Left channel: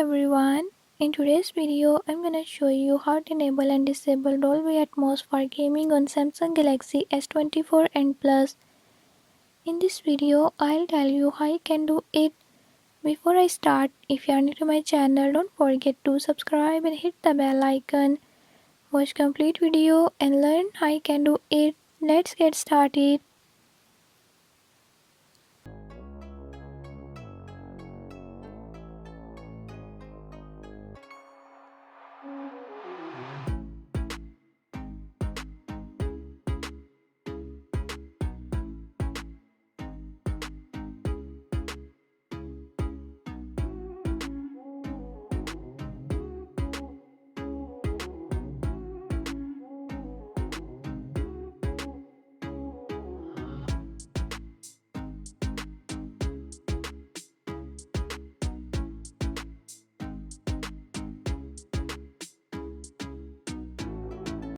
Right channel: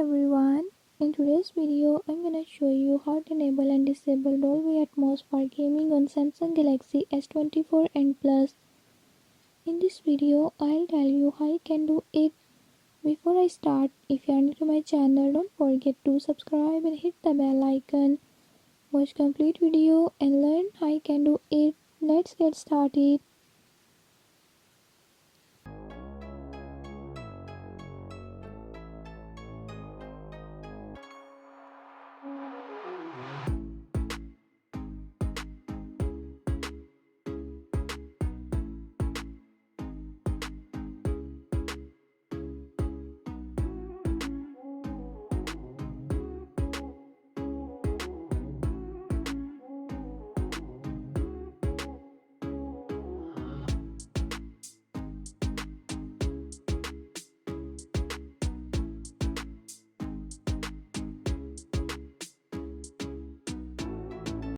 everyone, in today's video I'm gonna show you how to enable and disable Dolby Atmos for gaming on Samsung Galaxy S24 and Plus. In this video I'll tell you how you can do it. Before I start, if you are new to my channel, don't forget to subscribe and hit the bell icon. Watch complete video and learn how you can do it. Let's get started.